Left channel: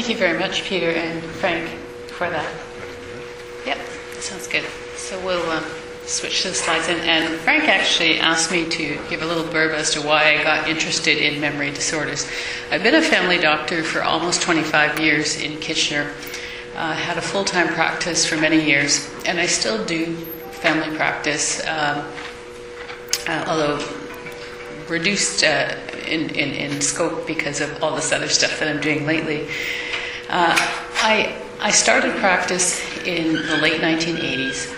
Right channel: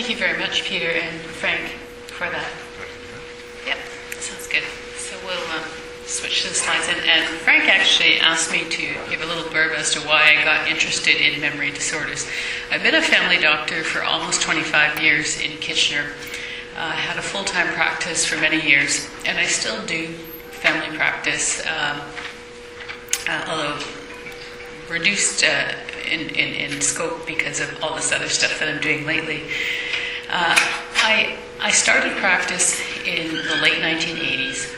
Thank you very much, Peter and Frank, for that. Yep, sounds good. So we'll switch to the slides. And Frank actually asked me to give a little blurb as to why I got interested in memory disorders. I've been a family doctor for almost 25 years in Kitchener. Had a full-time practice for many years, and I still do family practice, although reduced in scope because of all this other stuff that I'm doing lately. I started practice in the late 1980s,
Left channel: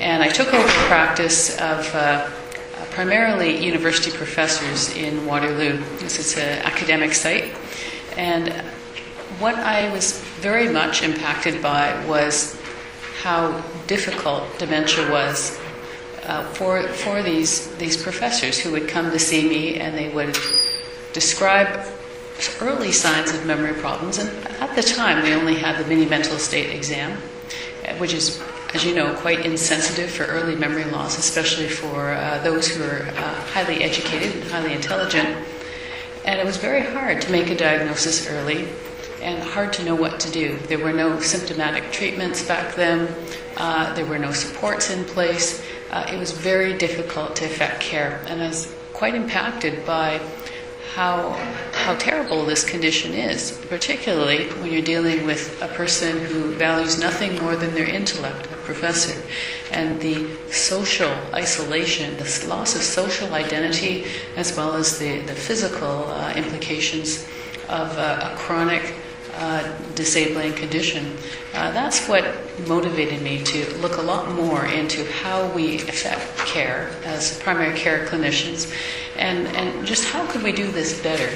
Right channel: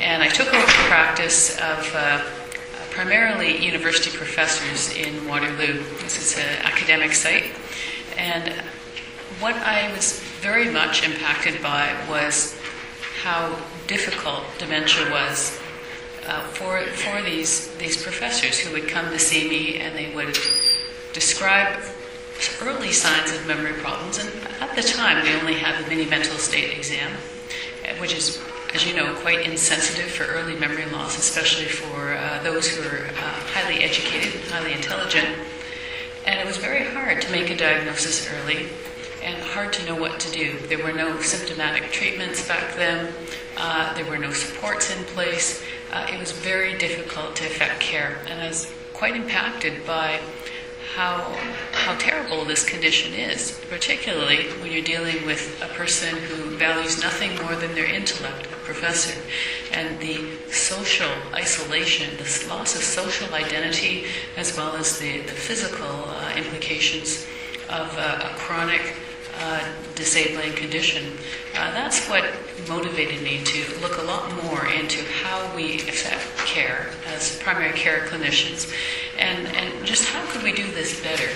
and I took over the practice of primarily university professors in Waterloo. This is an academic site, and what I was very much impacted by was how difficult dementia was for these professors who would come to see me, and they would describe early signs of memory problems. And at the time, we only had the mini mental state exam, which is, as you know, quite insensitive for early memory loss, especially for those who are highly educated and highly intelligent. And it was very hard to make a diagnosis early and hard to know what to do. There were no symptomatic treatments back then. There were no supports in place. It was very difficult to effect care, and I was quite impacted by how terrible this condition is, particularly when you're dealing with a person who values nothing more than their intellect, a professor, and the social isolation, the loss of social identity, as well as the physical implications of a chronic disabling condition. That's what motivated me to look a lot more into how we effect care as primary care clinicians, and just how could we do this better.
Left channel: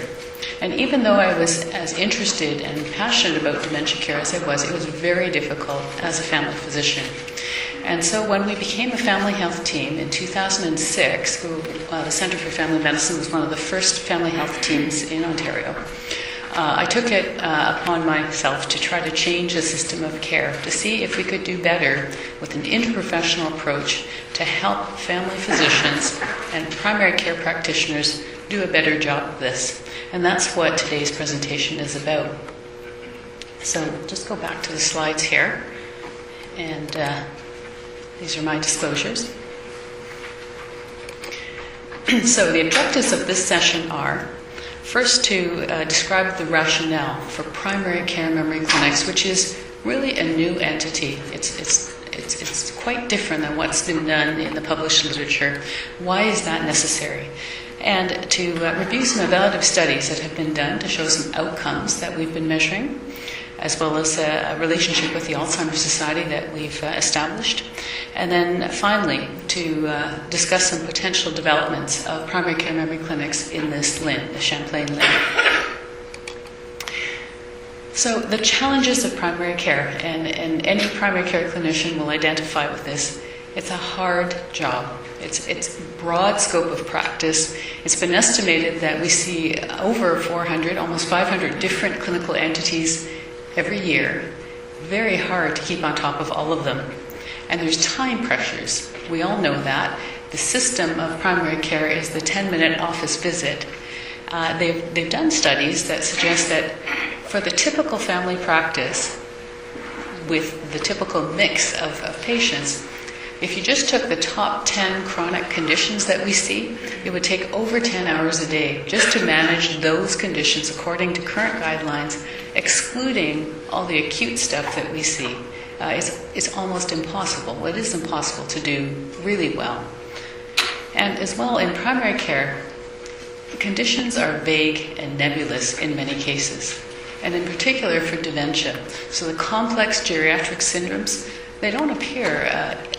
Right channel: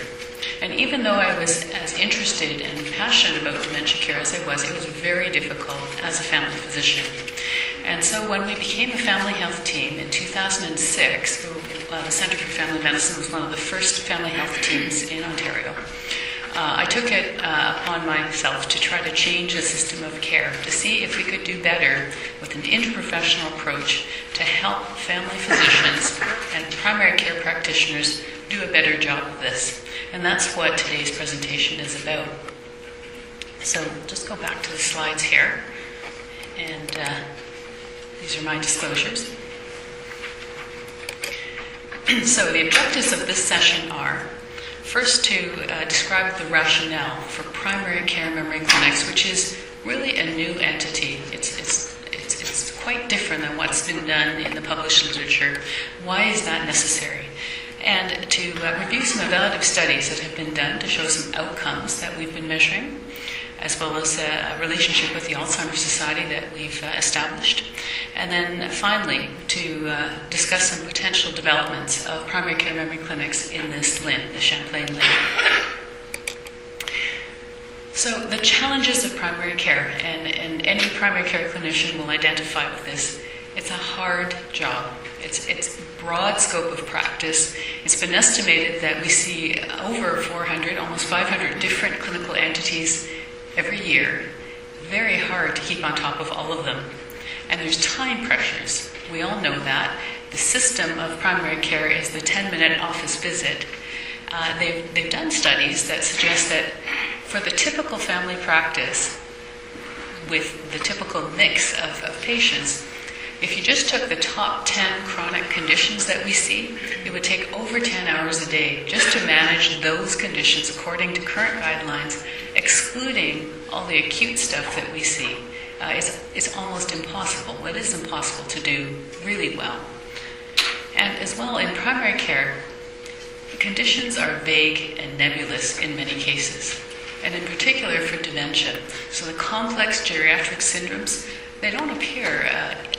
And even though I was as interested and passionate about dementia care as I was, it was very difficult as a family physician. And so when we became a family health team in 2006, the Centre for Family Medicine was one of the first family health teams in Ontario. I took it upon myself to try to change the system of care, to see if we could do better with an interprofessional approach to help family physicians and primary care practitioners do a better job of this. And that's what today's presentation is about. So just go back to the slides here. And these are my disclosures. So the objectives of this session are, first, to describe the rationale for primary care memory clinics, which is really a new entity. It's quite different than what's been done in the published literature. Why is that necessary? And to review some evaluative studies that have been done to show some outcomes that we've been measuring, as well as a relationship with the Alzheimer's Society that we've established. And then finally, to discuss some potential developments of primary care memory clinics in this LHIN, the Champlain LHIN. So the challenges of primary care, and any primary care clinician will identify with this, it's a hard job. It's broad scope of practice. It's been estimated that we see over 400, almost 500 different clinical entities every year. Very hard to keep on top of all of them. And there's time pressures. We all know that. The system of primary care is the 10-minute office visit. They've done studies that suggest that for the typical family practice, with the typical mix of patients, if you just took the top 10 chronic conditions that we see, it would take over 10 hours a day just to manage those conditions according to current guidelines, excluding all the acute stuff that we see. It's almost impossible. It is impossible to do really well. And as well, in primary care, the conditions are vague and nebulous in many cases, and in particular for dementia. So the complex geriatric syndromes, they don't appear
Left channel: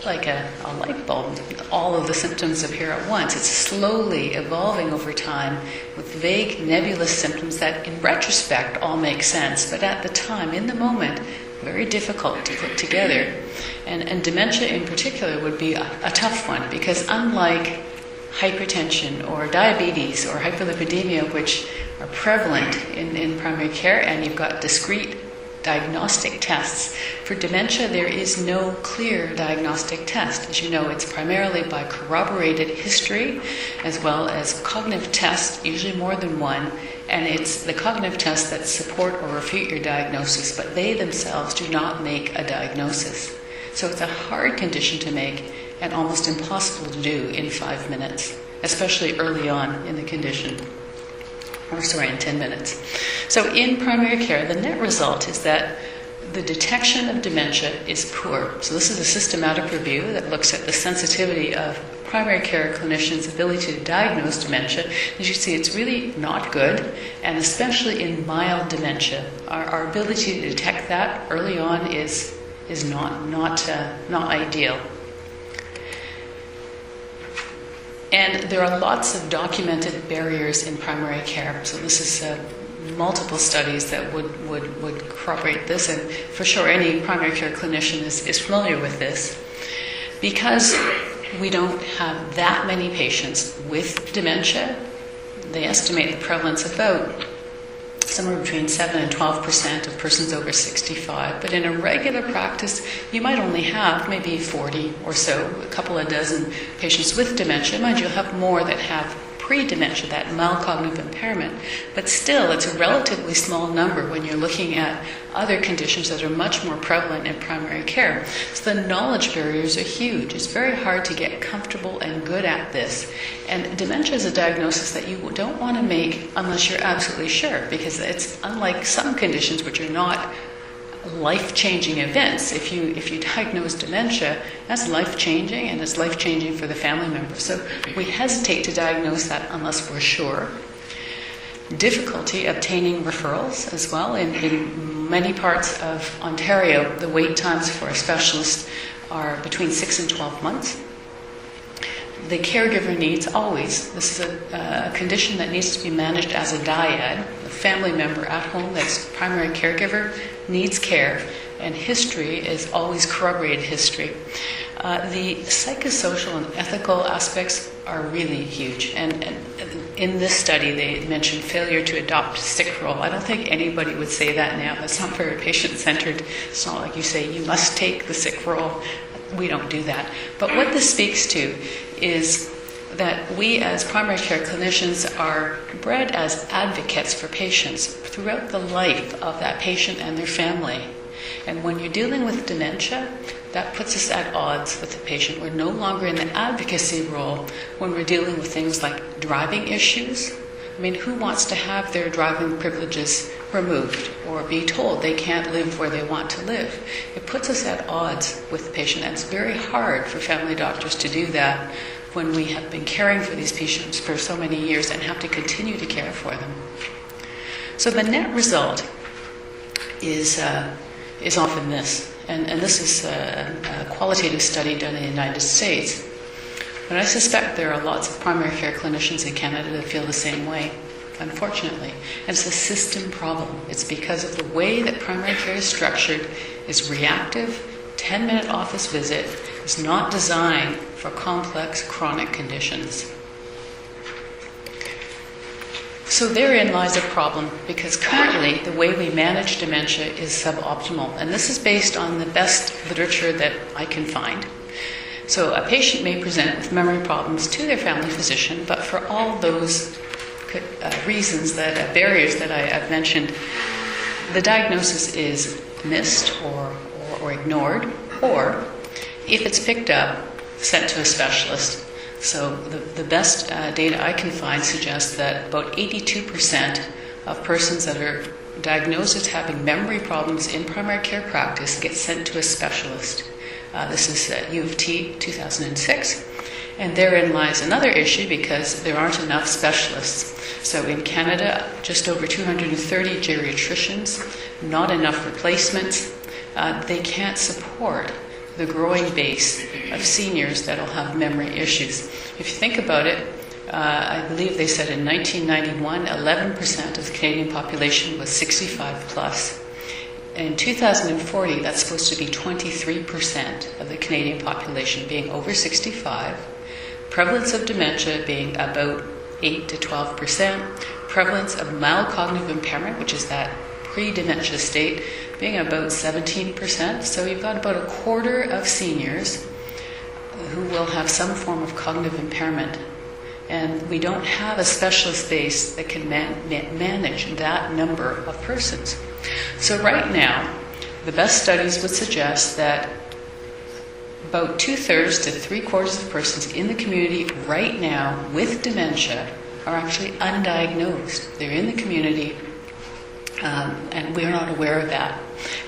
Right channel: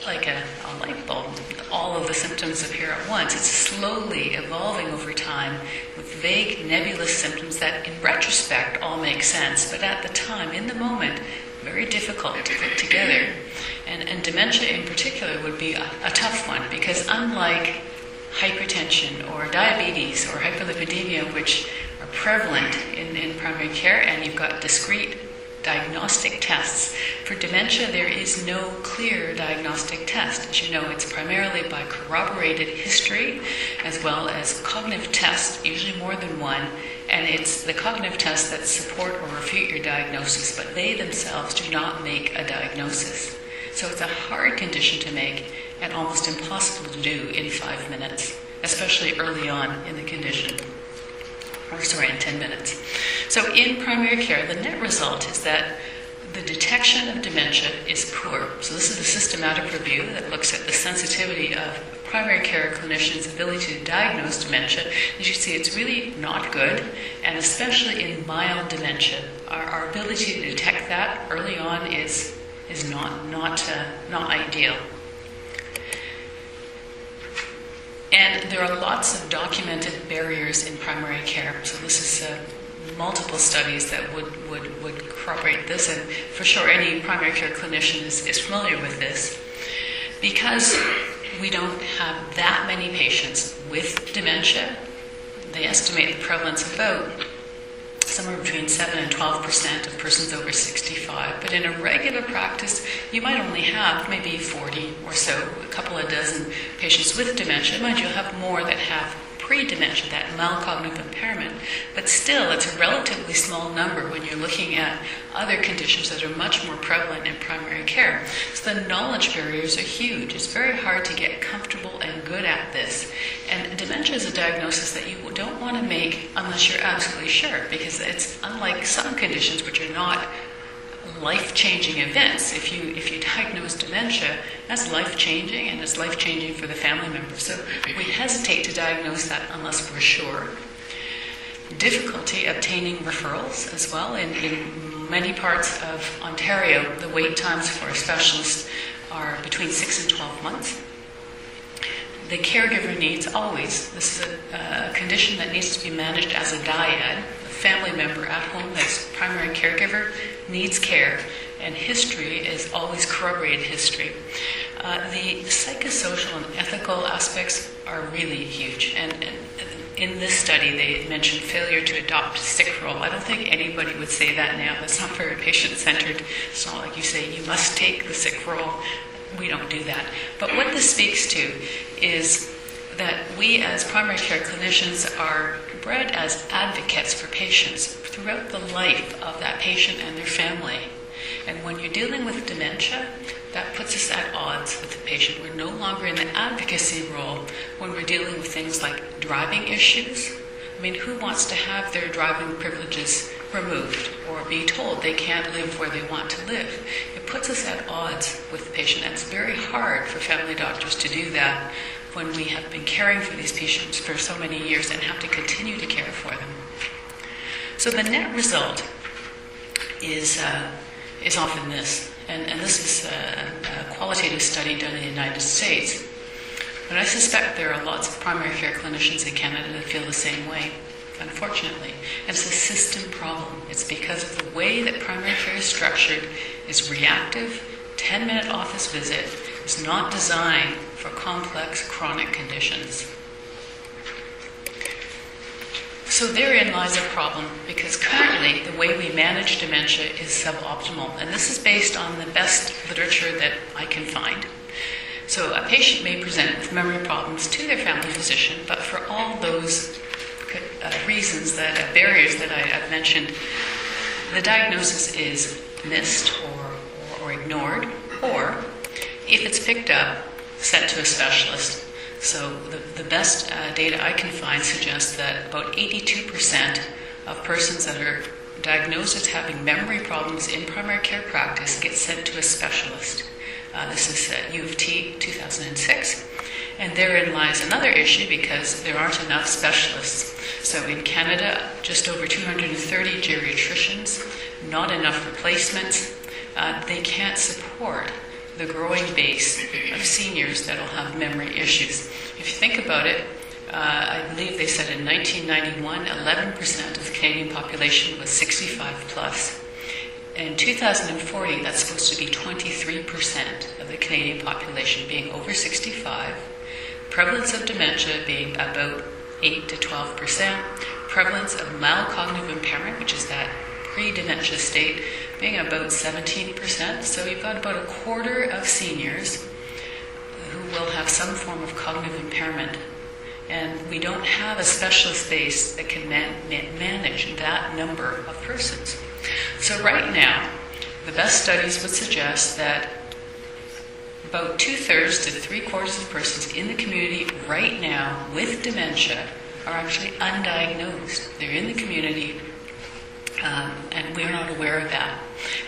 like a light bulb. All of the symptoms appear at once. It's slowly evolving over time with vague, nebulous symptoms that in retrospect all make sense, but at the time, in the moment, very difficult to put together. And dementia in particular would be a tough one, because unlike hypertension or diabetes or hyperlipidemia, which are prevalent in primary care, and you've got discrete diagnostic tests. For dementia, there is no clear diagnostic test. As you know, it's primarily by corroborated history, as well as cognitive tests, usually more than one, And it's the cognitive tests that support or refute your diagnosis, but they themselves do not make a diagnosis. So it's a hard condition to make and almost impossible to do in 5 minutes, especially early on in the condition. In 10 minutes. So in primary care, the net result is that the detection of dementia is poor. So this is a systematic review that looks at the sensitivity of primary care clinicians' ability to diagnose dementia. As you see, it's really not good, and especially in mild dementia. Our ability to detect that early on is not ideal. And there are lots of documented barriers in primary care. So this is multiple studies that would corroborate this, and for sure any primary care clinician is familiar with this. Because we don't have that many patients with dementia, they estimate the prevalence about somewhere between 7 and 12% of persons over 65. But in a regular practice, you might only have maybe 40 or so, a couple of dozen patients with dementia. Mind you, you'll have more that have pre-dementia, that mild cognitive impairment. But still, it's a relatively small number when you're looking at other conditions that are much more prevalent in primary care. So the knowledge barriers are huge. It's very hard to get comfortable and good at this. And dementia is a diagnosis that you don't want to make unless you're absolutely sure, because it's unlike some conditions which are not life-changing events. If you diagnose dementia, that's life-changing, and it's life-changing for the family member. So we hesitate to diagnose that unless we're sure. Difficulty obtaining referrals as well. In many parts of Ontario, the wait times for a specialist are between 6 and 12 months. The caregiver needs always. This is a condition that needs to be managed as a dyad. A family member at home that's primary caregiver needs care, and history is always corroborated history. The psychosocial and ethical aspects are really huge. And in this study, they mentioned failure to adopt sick role. I don't think anybody would say that now. It's not very patient-centered. It's not like you say, you must take the sick role. We don't do that. But what this speaks to is that we as primary care clinicians are bred as advocates for patients throughout the life of that patient and their family. And when you're dealing with dementia, that puts us at odds with the patient. We're no longer in the advocacy role when we're dealing with things like driving issues. I mean, who wants to have their driving privileges removed or be told they can't live where they want to live? It puts us at odds with the patient, and it's very hard for family doctors to do that when we have been caring for these patients for so many years and have to continue to care for them. So the net result is often this, and this is a qualitative study done in the United States. But I suspect there are lots of primary care clinicians in Canada that feel the same way, unfortunately. And it's a system problem. It's because of the way that primary care is structured is reactive, 10-minute office visit. It's not designed for complex chronic conditions. So therein lies a problem, because currently the way we manage dementia is suboptimal. And this is based on the best literature that I can find. So a patient may present with memory problems to their family physician, but for all those reasons, barriers that I've mentioned, the diagnosis is missed or ignored, or if it's picked up, sent to a specialist. So the best data I can find suggests that about 82% of persons that are diagnosed as having memory problems in primary care practice get sent to a specialist. This is Jan2013, 2006. And therein lies another issue, because there aren't enough specialists. So in Canada, just over 230 geriatricians, not enough replacements. They can't support the growing base of seniors that will have memory issues. If you think about it, I believe they said in 1991, 11% of the Canadian population was 65 plus. In 2040, that's supposed to be 23% of the Canadian population being over 65. Prevalence of dementia being about 8 to 12%. Prevalence of mild cognitive impairment, which is that pre-dementia state, being about 17%. So you've got about a quarter of seniors who will have some form of cognitive impairment And we don't have a specialist base that can manage that number of persons. So right now, the best studies would suggest that about 2/3 to 3/4 of persons in the community right now with dementia are actually undiagnosed. They're in the community, and we're not aware of that.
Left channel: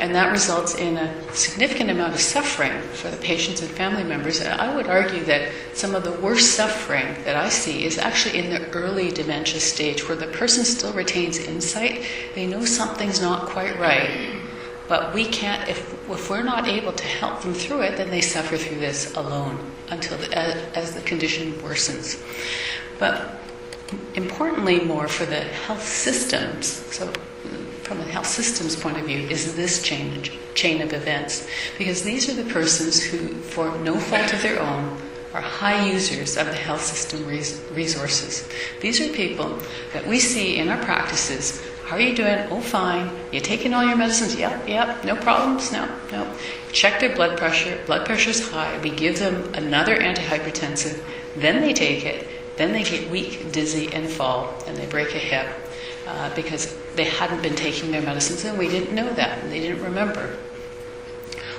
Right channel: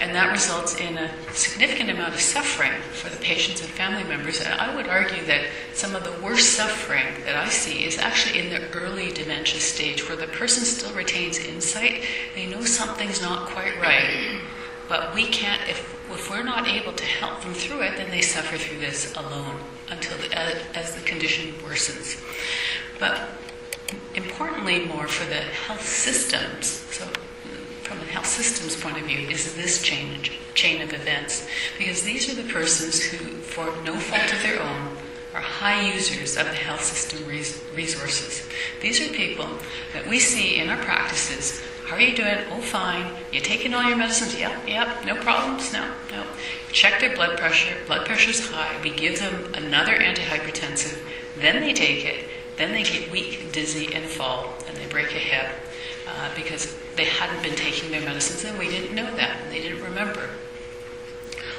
And that results in a significant amount of suffering for the patients and family members. And I would argue that some of the worst suffering that I see is actually in the early dementia stage, where the person still retains insight. They know something's not quite right, but we can't, if we're not able to help them through it, then they suffer through this alone until as the condition worsens. But importantly, more for the health systems, so from a health systems point of view, is this chain of events. Because these are the persons who, for no fault of their own, are high users of the health system resources. These are people that we see in our practices. How are you doing? Oh, fine. You taking all your medicines? Yep. No problems? No. Check their blood pressure. Blood pressure's high. We give them another antihypertensive. Then they take it. Then they get weak, dizzy, and fall, and they break a hip because they hadn't been taking their medicines, and we didn't know that, and they didn't remember.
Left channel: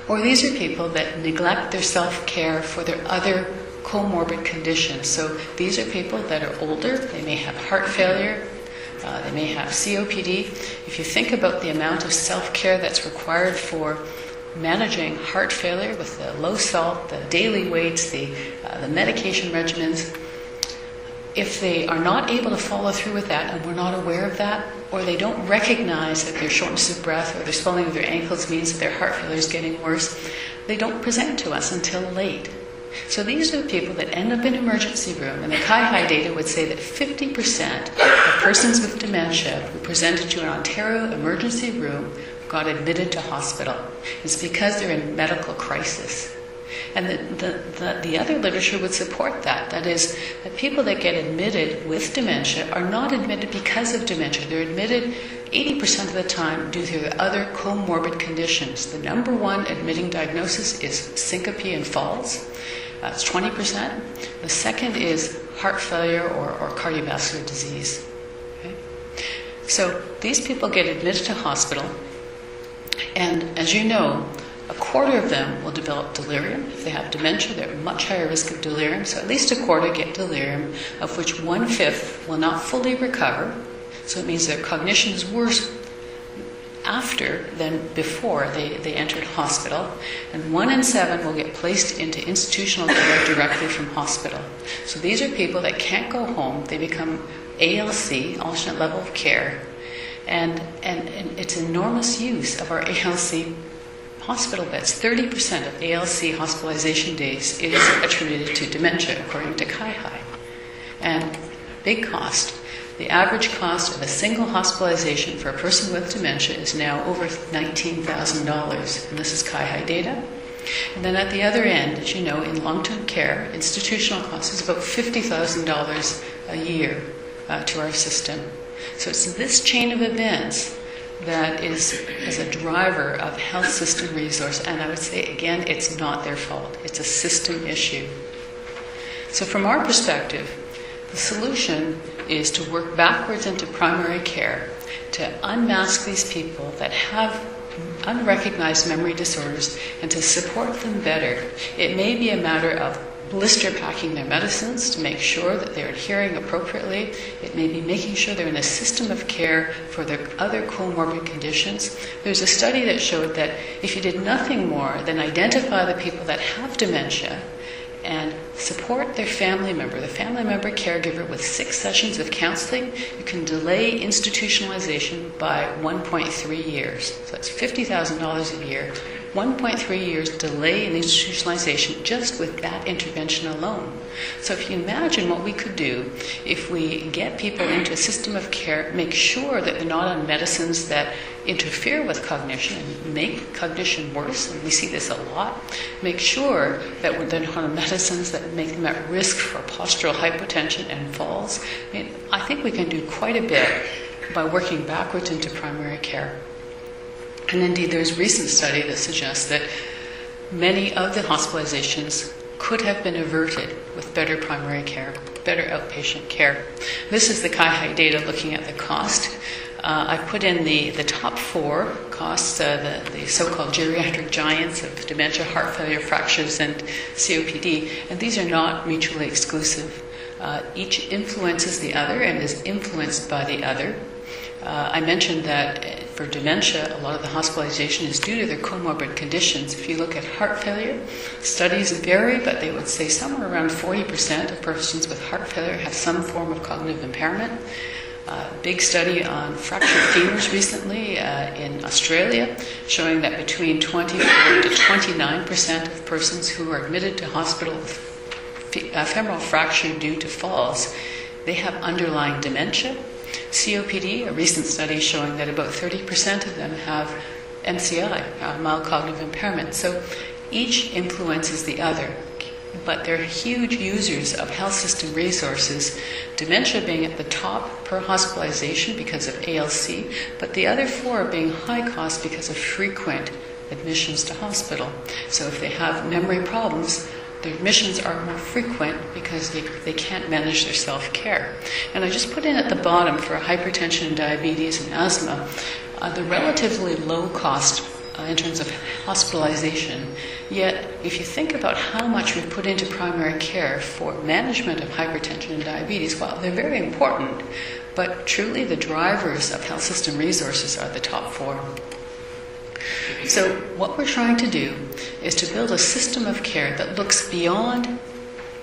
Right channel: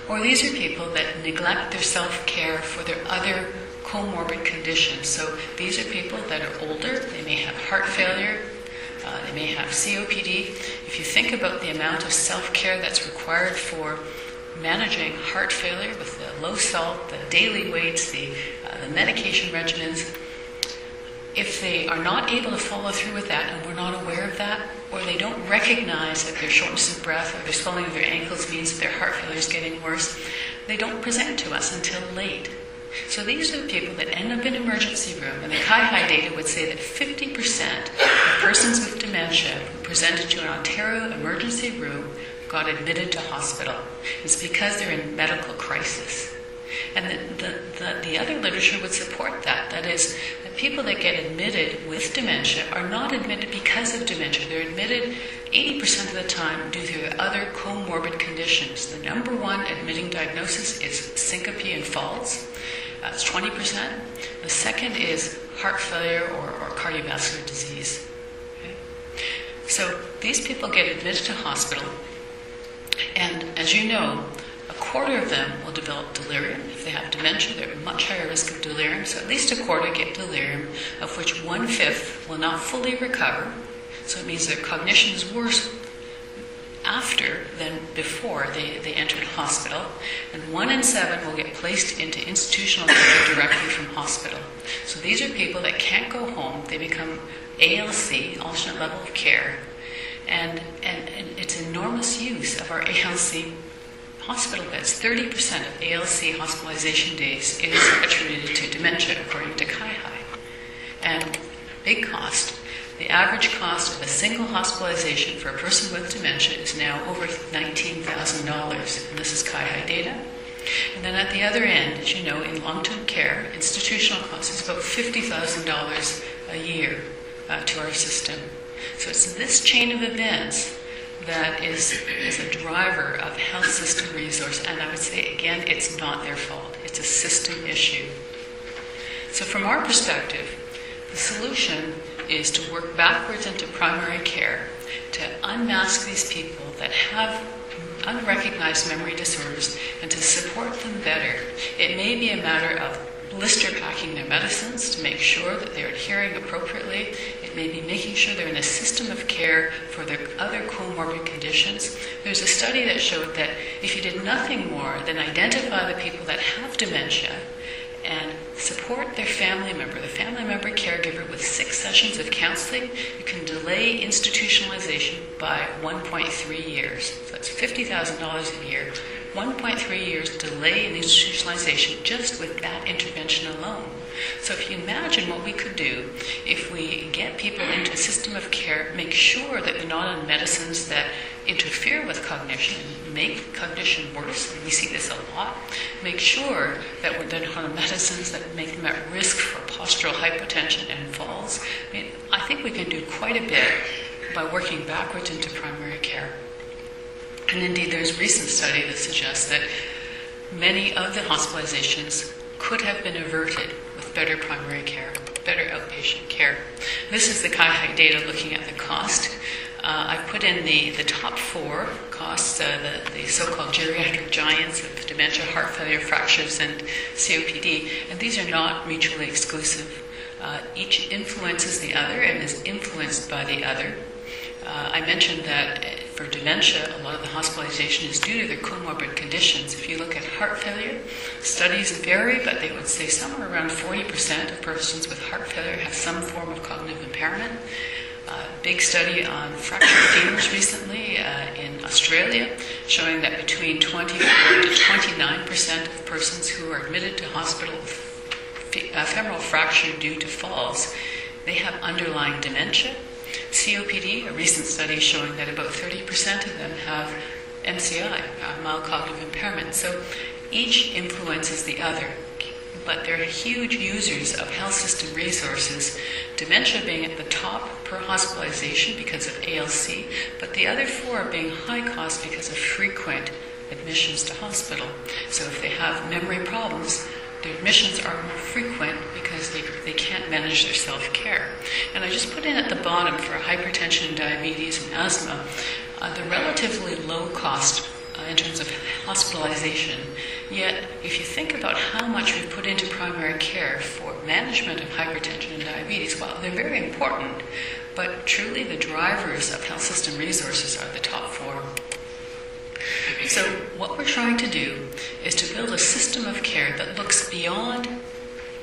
Or these are people that neglect their self-care for their other comorbid conditions. So these are people that are older. They may have heart failure. They may have COPD. If you think about the amount of self-care that's required for managing heart failure with the low salt, the daily weights, the medication regimens, if they are not able to follow through with that, and we're not aware of that, or they don't recognize that their shortness of breath or their swelling of their ankles means that their heart failure is getting worse, they don't present to us until late. So these are the people that end up in emergency room, and the CAI data would say that 50% of persons with dementia who presented to an Ontario emergency room got admitted to hospital. It's because they're in medical crisis. And the other literature would support that. That is, that people that get admitted with dementia are not admitted because of dementia. They're admitted 80% of the time due to other comorbid conditions. The number one admitting diagnosis is syncope and falls. That's 20%. The second is heart failure or cardiovascular disease. Okay? So these people get admitted to hospital, and as you know, 1/4 of them will develop delirium. If they have dementia, they're at much higher risk of delirium. So at least 1/4 get delirium, of which 1/5 will not fully recover. So it means their cognition is worse after than before they entered hospital. And 1 in 7 will get placed into institutional care directly from hospital. So these are people that can't go home. They become ALC, alternate level of care. And it's enormous use of our ALC hospital beds. 30% of ALC hospitalization days is attributed to dementia, according to CAI. And big cost. The average cost of a single hospitalization for a person with dementia is now over $19,000. And this is CAI data. And then at the other end, as you know, in long-term care, institutional cost is about $50,000 a year to our system. So it's this chain of events that is a driver of health system resource. And I would say, again, it's not their fault. It's a system issue. So from our perspective, the solution is to work backwards into primary care, to unmask these people that have unrecognized memory disorders and to support them better. It may be a matter of blister packing their medicines to make sure that they're adhering appropriately. It may be making sure they're in a system of care for their other comorbid conditions. There's a study that showed that if you did nothing more than identify the people that have dementia and support their family member, the family member caregiver, with 6 sessions of counseling, you can delay institutionalization by 1.3 years. So that's $50,000 a year. 1.3 years delay in institutionalization just with that intervention alone. So if you imagine what we could do if we get people into a system of care, make sure that they're not on medicines that interfere with cognition and make cognition worse, and we see this a lot, make sure that they're not on medicines that make them at risk for postural hypotension and falls. I think we can do quite a bit by working backwards into primary care. And indeed, there's recent study that suggests that many of the hospitalizations could have been averted with better primary care. better outpatient care. This is the CAIHI data looking at the cost. I put in the top 4 costs, the so-called geriatric giants of dementia, heart failure, fractures, and COPD, and these are not mutually exclusive. Each influences the other and is influenced by the other. I mentioned that for dementia, a lot of the hospitalization is due to their comorbid conditions. If you look at heart failure, studies vary, but they would say somewhere around 40% of persons with heart failure have some form of cognitive impairment. Big study on fractured femurs recently in Australia, showing that between 24 to 29% of persons who are admitted to hospital with femoral fracture due to falls, they have underlying dementia. COPD, a recent study showing that about 30% of them have MCI, mild cognitive impairment. So each influences the other, but they're huge users of health system resources, dementia being at the top per hospitalization because of ALC, but the other 4 being high cost because of frequent admissions to hospital. So if they have memory problems, their admissions are more frequent because they can't manage their self-care. And I just put in at the bottom for hypertension, diabetes, and asthma, the relatively low cost in terms of hospitalization. Yet, if you think about how much we've put into primary care for management of hypertension and diabetes, well, they're very important, but truly the drivers of health system resources are the top 4. So what we're trying to do is to build a system of care that looks beyond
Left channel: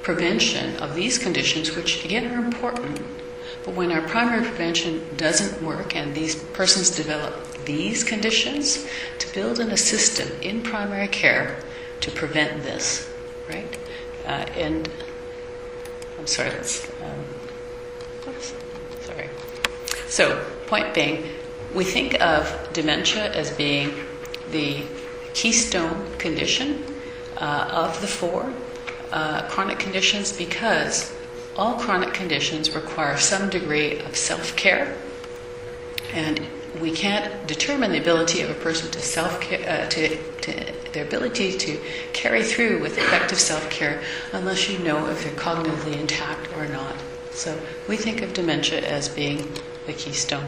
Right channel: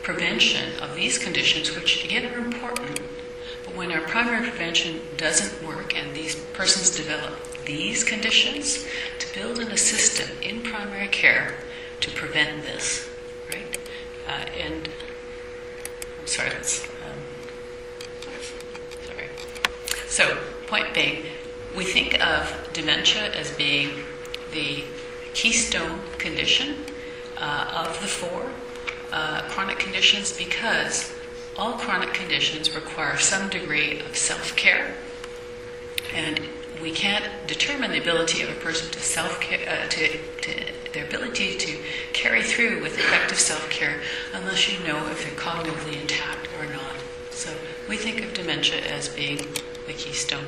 prevention of these conditions, which again are important. But when our primary prevention doesn't work and these persons develop these conditions, to build in a system in primary care to prevent this, right? And I'm sorry, sorry. So, point being, we think of dementia as being the keystone condition of the 4 chronic conditions, because all chronic conditions require some degree of self-care, and we can't determine the ability of a person to self-care, their ability to carry through with effective self-care unless you know if they're cognitively intact or not. So we think of dementia as being the keystone.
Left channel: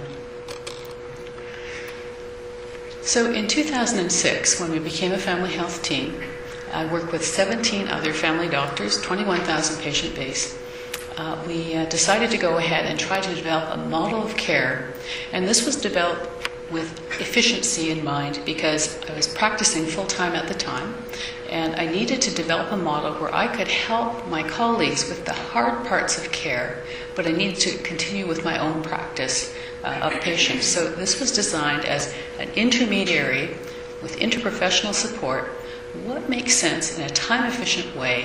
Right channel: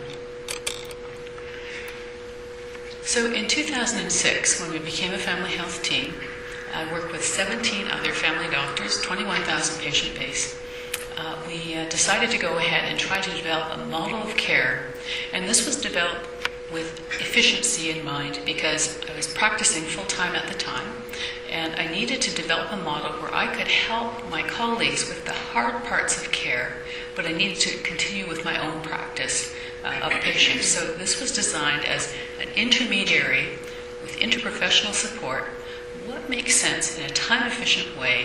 So in 2006, when we became a family health team, I worked with 17 other family doctors, 21,000 patient base. We decided to go ahead and try to develop a model of care, and this was developed with efficiency in mind because I was practicing full-time at the time, and I needed to develop a model where I could help my colleagues with the hard parts of care, but I needed to continue with my own practice of patients. So this was designed as an intermediary with interprofessional support. What makes sense in a time-efficient way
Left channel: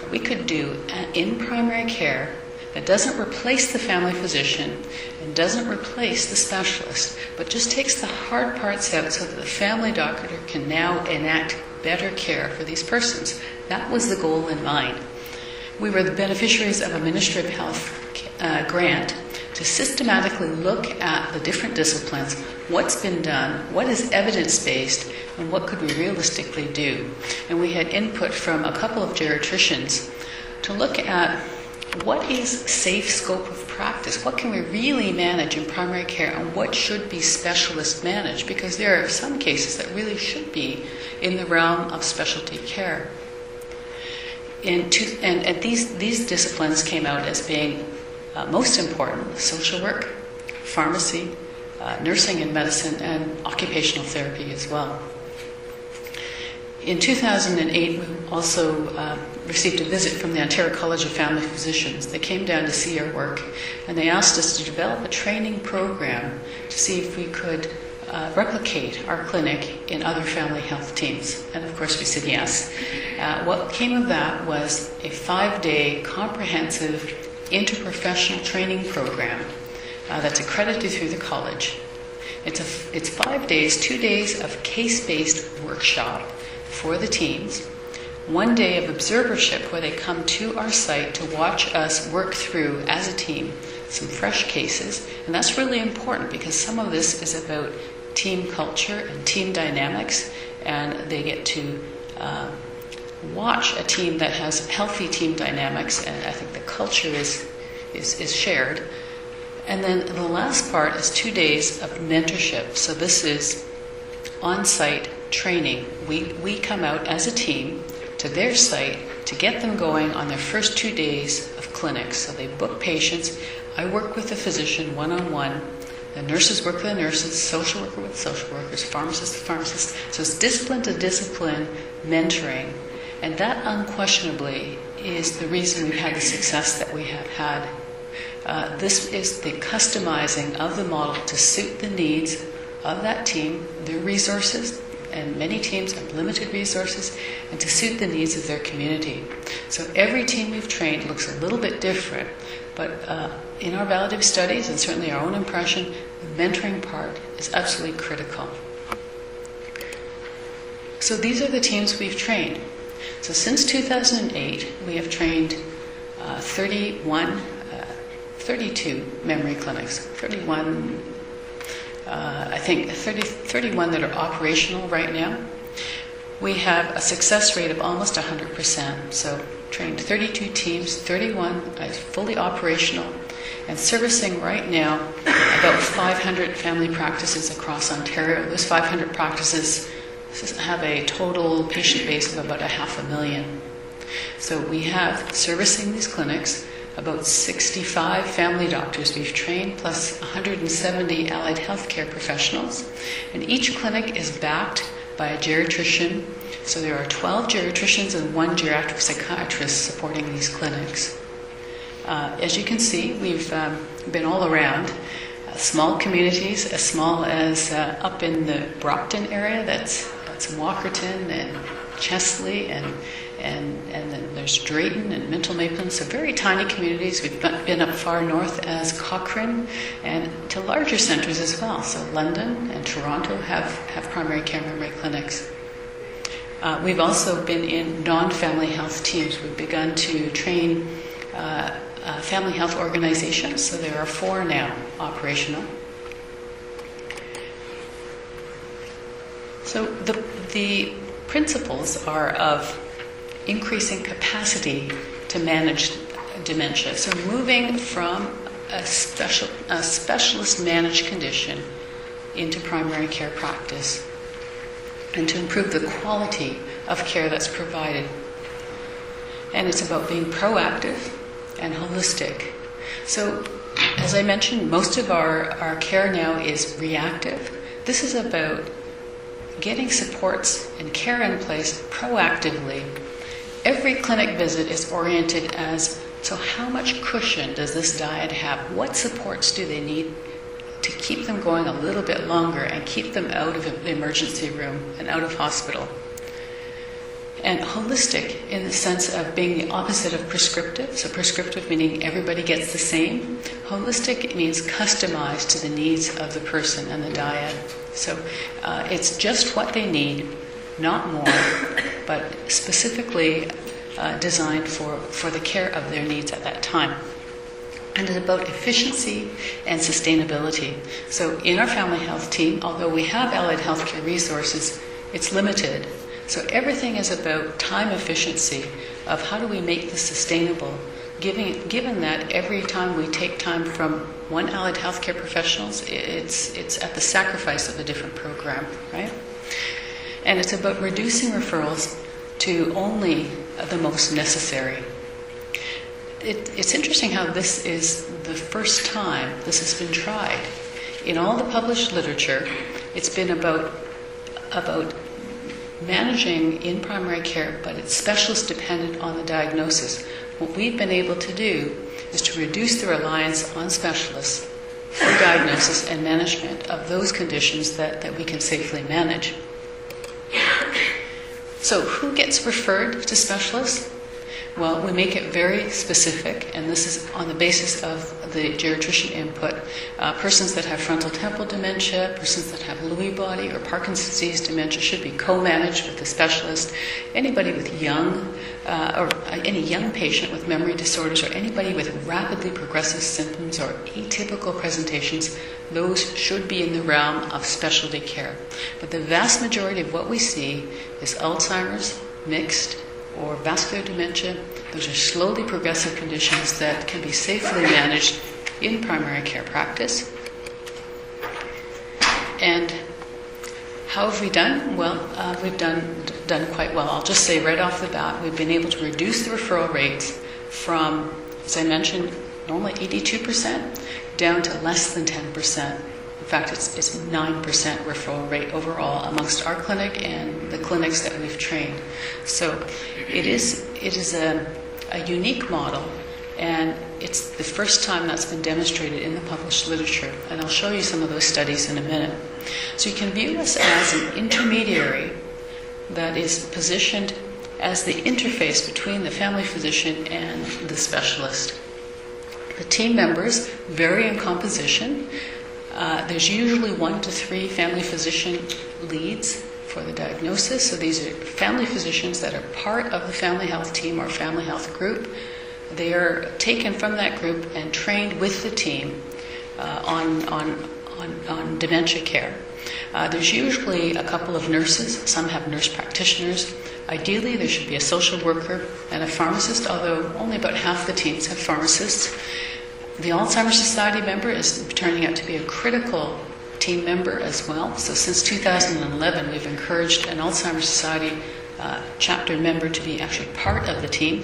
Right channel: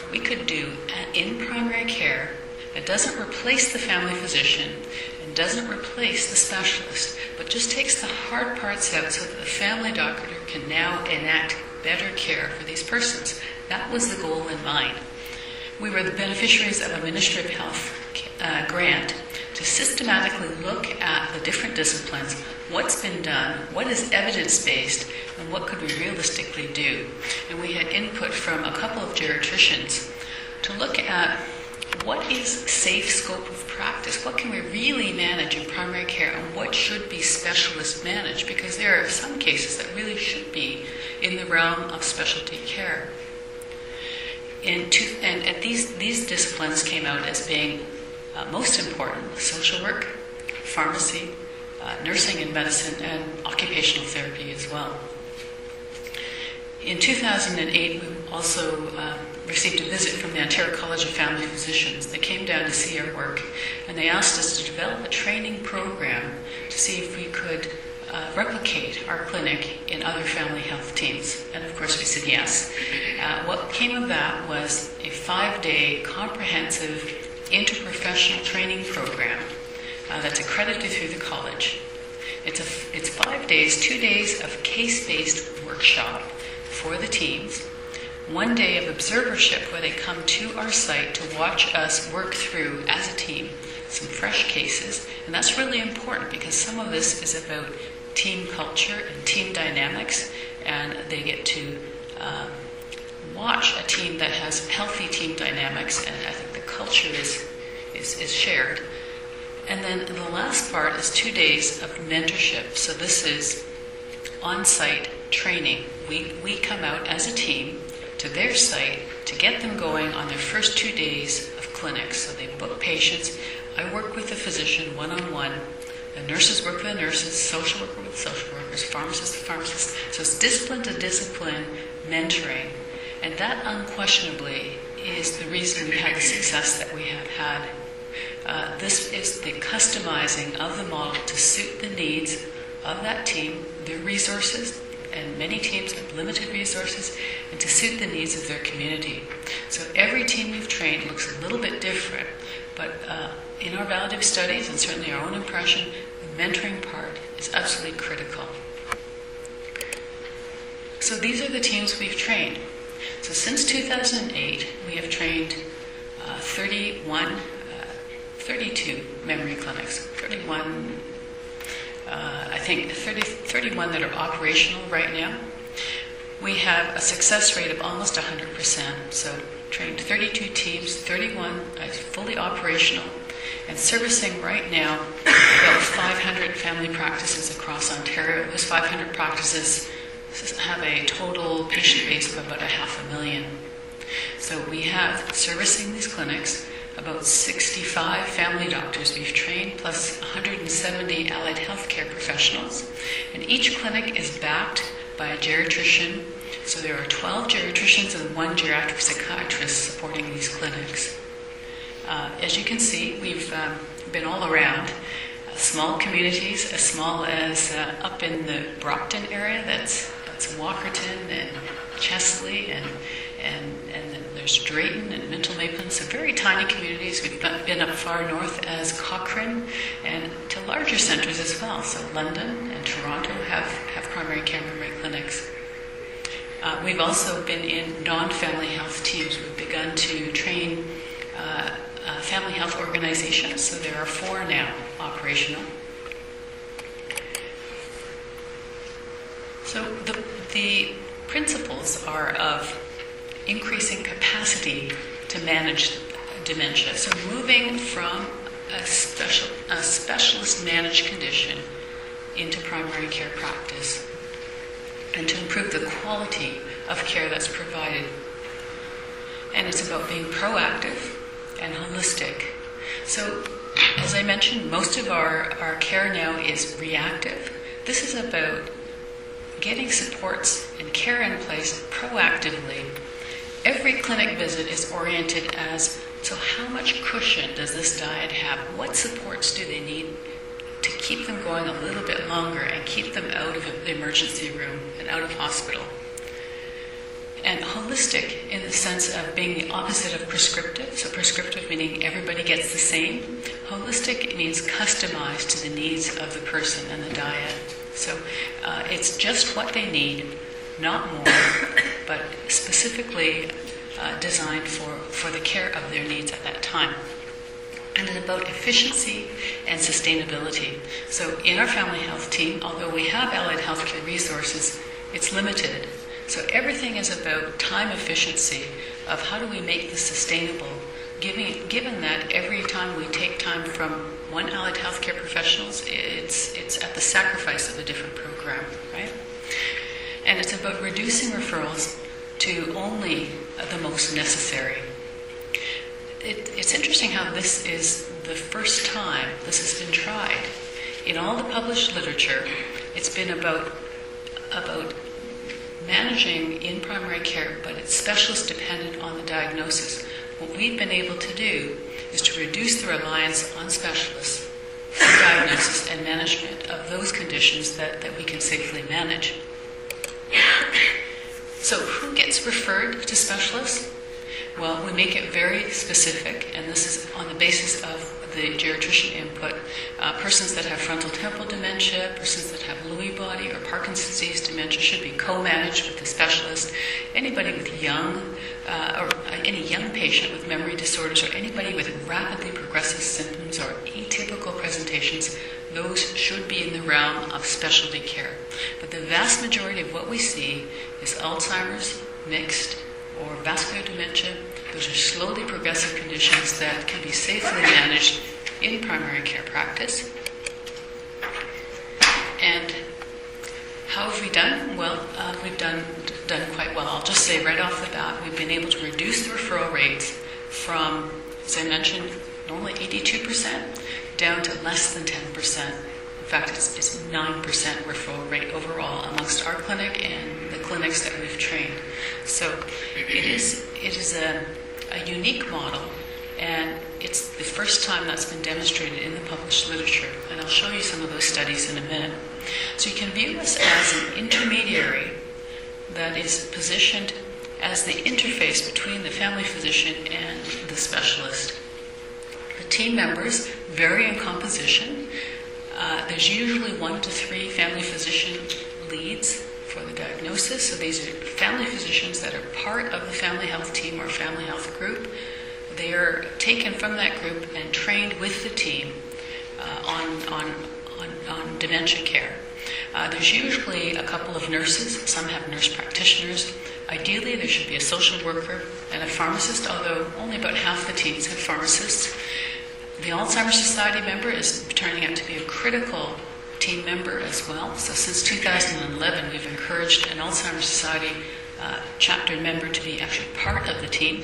that we could do in primary care that doesn't replace the family physician and doesn't replace the specialist, but just takes the hard parts out so that the family doctor can now enact better care for these persons. That was the goal in mind. We were the beneficiaries of a Ministry of Health grant to systematically look at the different disciplines, what's been done, what is evidence-based, and what could we realistically do. And we had input from a couple of geriatricians to look at what is safe scope of practice, what can we really manage in primary care, and what should be specialist managed, because there are some cases that really should be in the realm of specialty care. And these disciplines came out as being most important: social work, pharmacy, nursing and medicine, and occupational therapy as well. In 2008, we also received a visit from the Ontario College of Family Physicians. They came down to see our work, and they asked us to develop a training program to see if we could replicate our clinic in other family health teams. And of course we said yes. What came of that was a 5-day comprehensive interprofessional training program that's accredited through the college. It's 5 days, 2 days of case-based workshop for the teams, 1 day of observership where they come to our site to watch us work through as a team some fresh cases. And that's really important because some of this is about team culture and team dynamics, and they get to watch a team that has healthy team dynamics, and I think the culture is shared. And then the last part is 2 days of mentorship. So this is on-site training. We come out as a team to their site to get them going on their first 2 days of clinics. So they book patients. I work with the physician one-on-one. The nurses work with the nurses, social worker with social workers, pharmacists with pharmacists. So it's discipline to discipline mentoring. And that unquestionably is the reason we've had the success that we have had. This is the customizing of the model to suit the needs of that team, their resources, and many teams have limited resources, and to suit the needs of their community. So every team we've trained looks a little bit different, but in our validative studies, and certainly our own impression, the mentoring part is absolutely critical. So these are the teams we've trained. So since 2008, we have trained 32 memory clinics, 31, I think 31 that are operational right now. We have a success rate of almost 100%. So trained 32 teams, 31 fully operational, and servicing right now about 500 family practices across Ontario. Those 500 practices have a total patient base of about 500,000. So we have servicing these clinics about 65 family doctors we've trained, plus 170 allied healthcare professionals. And each clinic is backed by a geriatrician. So there are 12 geriatricians and 1 geriatric psychiatrist supporting these clinics. As you can see, we've been all around. Small communities, as small as up in the Brockton area, that's Walkerton and Chesley, and then there's Drayton and Minto Maplin, so very tiny communities. We've been up far north as Cochrane, and to larger centres as well. So London and Toronto have primary care memory clinics. We've also been in non-family health teams. We've begun to train family health organizations, so there are 4 now operational. So the principles are of increasing capacity to manage dementia. So moving from a specialist managed condition into primary care practice, and to improve the quality of care that's provided. And it's about being proactive and holistic. So, as I mentioned, most of our care now is reactive. This is about getting supports and care in place proactively. Every clinic visit is oriented as, so how much cushion does this diet have? What supports do they need to keep them going a little bit longer and keep them out of the emergency room and out of hospital? And holistic in the sense of being the opposite of prescriptive. So prescriptive meaning everybody gets the same. Holistic means customized to the needs of the person and the diet. So it's just what they need, not more, but specifically designed for the care of their needs at that time. And it's about efficiency and sustainability. So in our family health team, although we have allied healthcare resources, it's limited. So everything is about time efficiency of how do we make this sustainable, given that every time we take time from one allied healthcare professionals, it's at the sacrifice of a different program, right? And it's about reducing referrals to only the most necessary. It's interesting how this is the first time this has been tried. In all the published literature, it's been about managing in primary care, but it's specialist dependent on the diagnosis. What we've been able to do is to reduce the reliance on specialists for diagnosis and management of those conditions that we can safely manage. So who gets referred to specialists? Well, we make it very specific, and this is on the basis of the geriatrician input. Persons that have frontal temporal dementia, persons that have Lewy body or Parkinson's disease dementia should be co-managed with the specialist. Anybody with or any young patient with memory disorders, or anybody with rapidly progressive symptoms or atypical presentations, those should be in the realm of specialty care. But the vast majority of what we see is Alzheimer's, mixed, or vascular dementia. Those are slowly progressive conditions that can be safely managed in primary care practice. And how have we done? Well, we've done quite well. I'll just say right off the bat, we've been able to reduce the referral rates from, as I mentioned, normally 82% down to less than 10%. In fact, it's 9% referral rate overall amongst our clinic and the clinics that we've trained. So it is a unique model, and it's the first time that's been demonstrated in the published literature. And I'll show you some of those studies in a minute. So you can view us as an intermediary that is positioned as the interface between the family physician and the specialist. The team members vary in composition. There's usually 1 to 3 family physician leads for the diagnosis. So these are family physicians that are part of the family health team or family health group. They are taken from that group and trained with the team on dementia care. There's usually a couple of nurses. Some have nurse practitioners. Ideally, there should be a social worker and a pharmacist, although only about half the teams have pharmacists. The Alzheimer's Society member is turning out to be a critical team member as well. So since 2011, we've encouraged an Alzheimer's Society chapter member to be actually part of the team.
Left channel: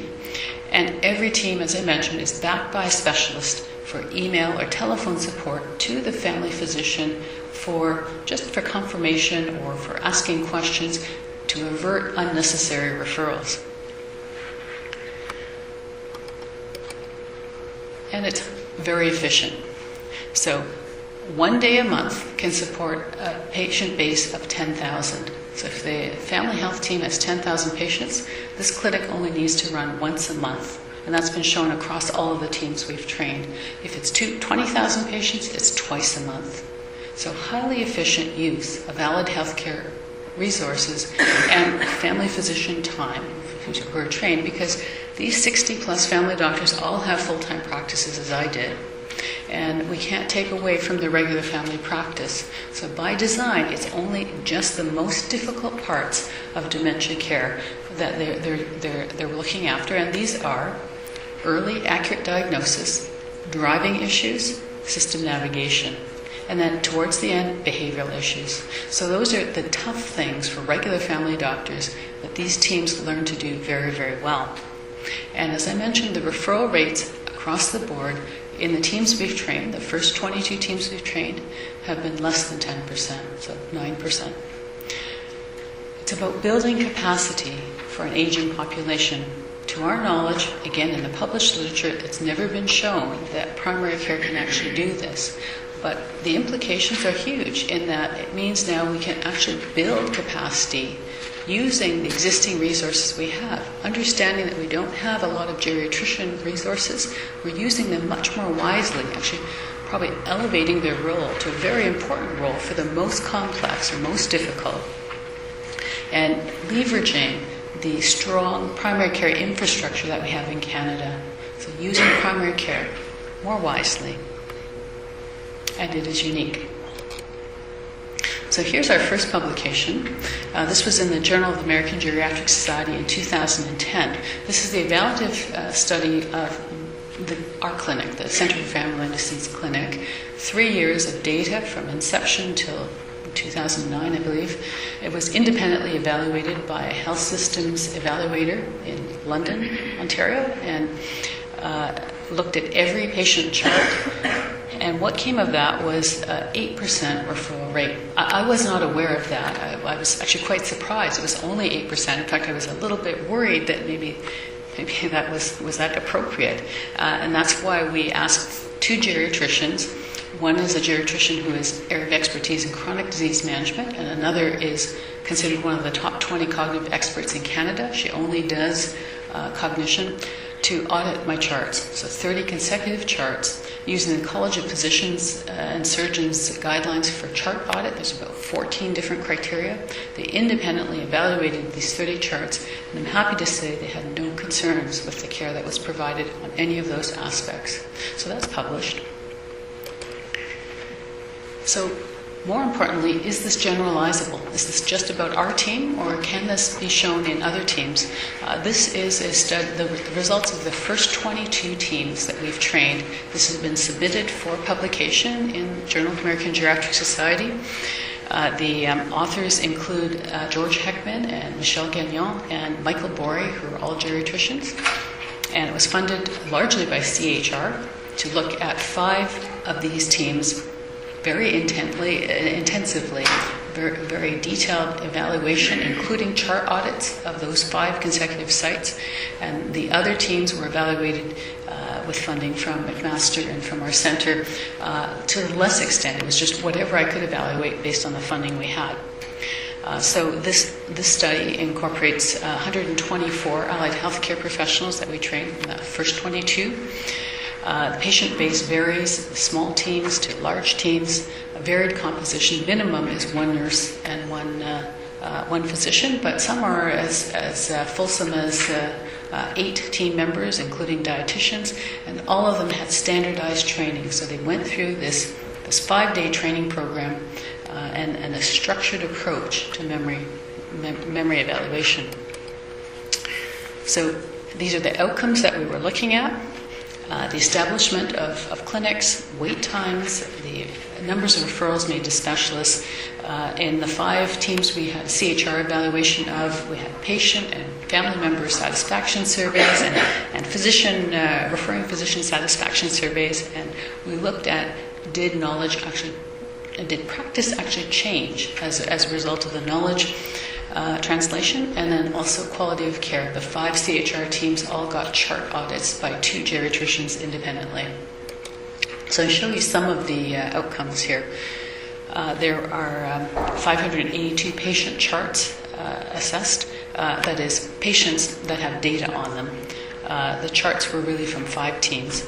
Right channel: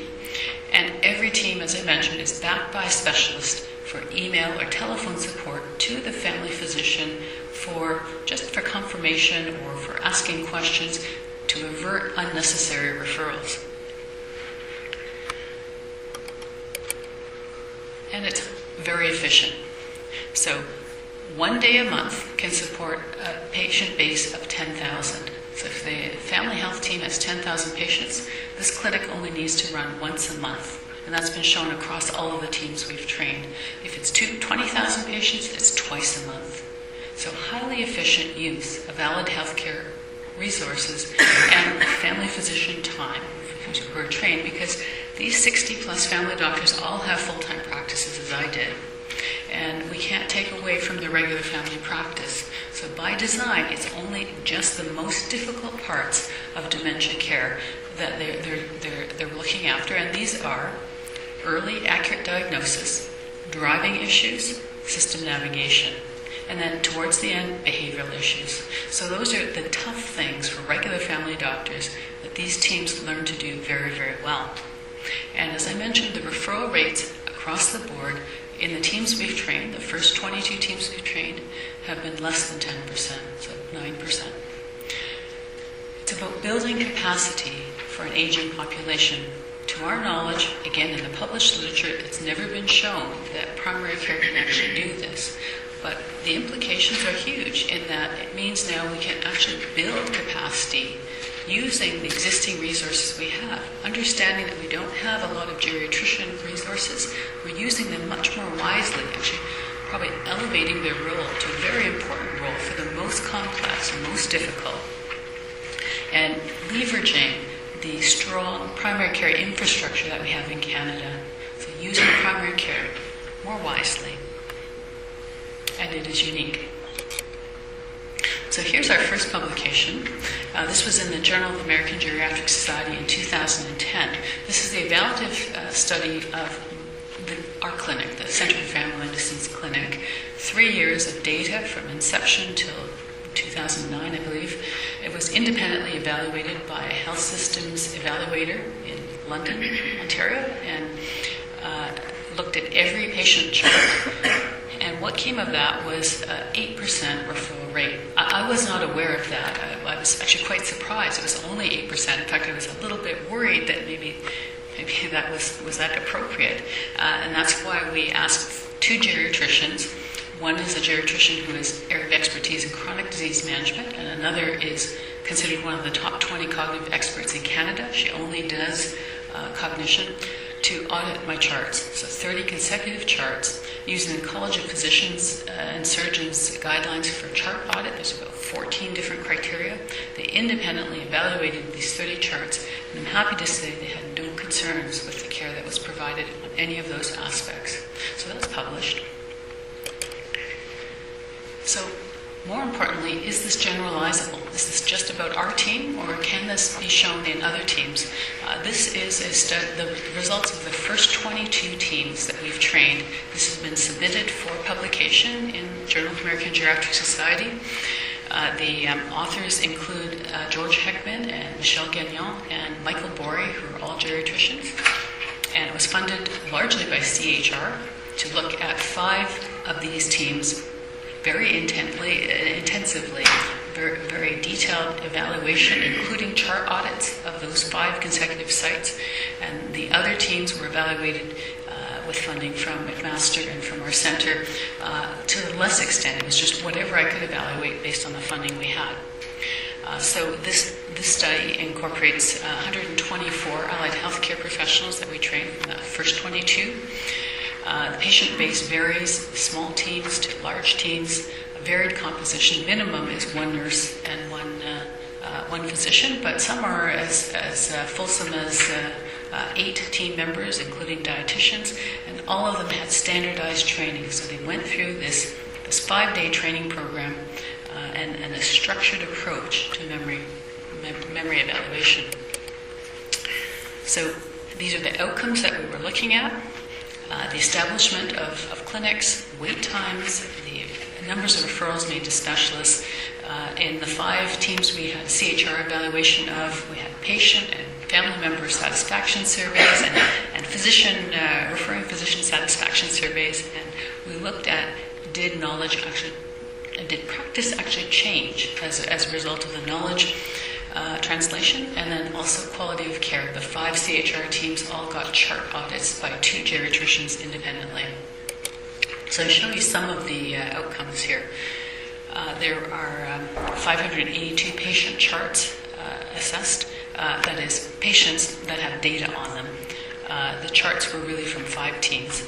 And every team, as I mentioned, is backed by a specialist for email or telephone support to the family physician for confirmation or for asking questions to avert unnecessary referrals. And it's very efficient. So 1 day a month can support a patient base of 10,000. So if the family health team has 10,000 patients, this clinic only needs to run once a month. And that's been shown across all of the teams we've trained. If it's 20,000 patients, it's twice a month. So highly efficient use of valid healthcare resources and family physician time who are trained, because these 60 plus family doctors all have full-time practices as I did. And we can't take away from the regular family practice. So by design, it's only just the most difficult parts of dementia care that they're looking after. And these are early accurate diagnosis, driving issues, system navigation, and then towards the end, behavioral issues. So those are the tough things for regular family doctors that these teams learn to do very, very well. And as I mentioned, the referral rates across the board in the teams we've trained, the first 22 teams we've trained, have been less than 10%, so 9%. It's about building capacity for an aging population. To our knowledge, again, in the published literature, it's never been shown that primary care can actually do this. But the implications are huge in that it means now we can actually build capacity using the existing resources we have. Understanding that we don't have a lot of geriatrician resources, we're using them much more wisely, actually probably elevating their role to a very important role for the most complex or most difficult, and leveraging the strong primary care infrastructure that we have in Canada. So using primary care more wisely. And it is unique. So here's our first publication. This was in the Journal of the American Geriatric Society in 2010. This is the evaluative study of our clinic, the Center for Family Medicine's clinic. 3 years of data from inception till 2009, I believe. It was independently evaluated by a health systems evaluator in London, Ontario, and looked at every patient chart. And what came of that was 8% referral rate. I was not aware of that. I was actually quite surprised. It was only 8%. In fact, I was a little bit worried that maybe that was that appropriate. And that's why we asked 2 geriatricians. One is a geriatrician who is area of expertise in chronic disease management, and another is considered one of the top 20 cognitive experts in Canada. She only does cognition, to audit my charts. So 30 consecutive charts using the College of Physicians and Surgeons guidelines for chart audit. There's about 14 different criteria. They independently evaluated these 30 charts, and I'm happy to say they had no concerns with the care that was provided on any of those aspects. So that's published. So more importantly, is this generalizable? Is this just about our team, or can this be shown in other teams? This is the results of the first 22 teams that we've trained. This has been submitted for publication in Journal of American Geriatric Society. The authors include George Heckman and Michel Gagnon and Michael Borey, who are all geriatricians. And it was funded largely by CHR to look at 5 of these teams very intensively, very detailed evaluation, including chart audits of those 5 consecutive sites. And the other teams were evaluated with funding from McMaster and from our center to a less extent. It was just whatever I could evaluate based on the funding we had. So this study incorporates 124 allied healthcare professionals that we trained, the first 22. The patient base varies, small teams to large teams, a varied composition. Minimum is 1 nurse and one physician, but some are as fulsome as 8 team members, including dietitians, and all of them had standardized training. So they went through this 5-day training program and a structured approach to memory evaluation. So these are the outcomes that we were looking at. The establishment of clinics, wait times, the numbers of referrals made to specialists. In the 5 teams we had CHR evaluation of, we had patient and family member satisfaction surveys and referring physician satisfaction surveys, and we looked at did practice actually change as a result of the knowledge translation, and then also quality of care. The 5 CHR teams all got chart audits by 2 geriatricians independently. So I show you some of the outcomes here. There are 582 patient charts assessed, that is, patients that have data on them. The charts were really from 5 teams.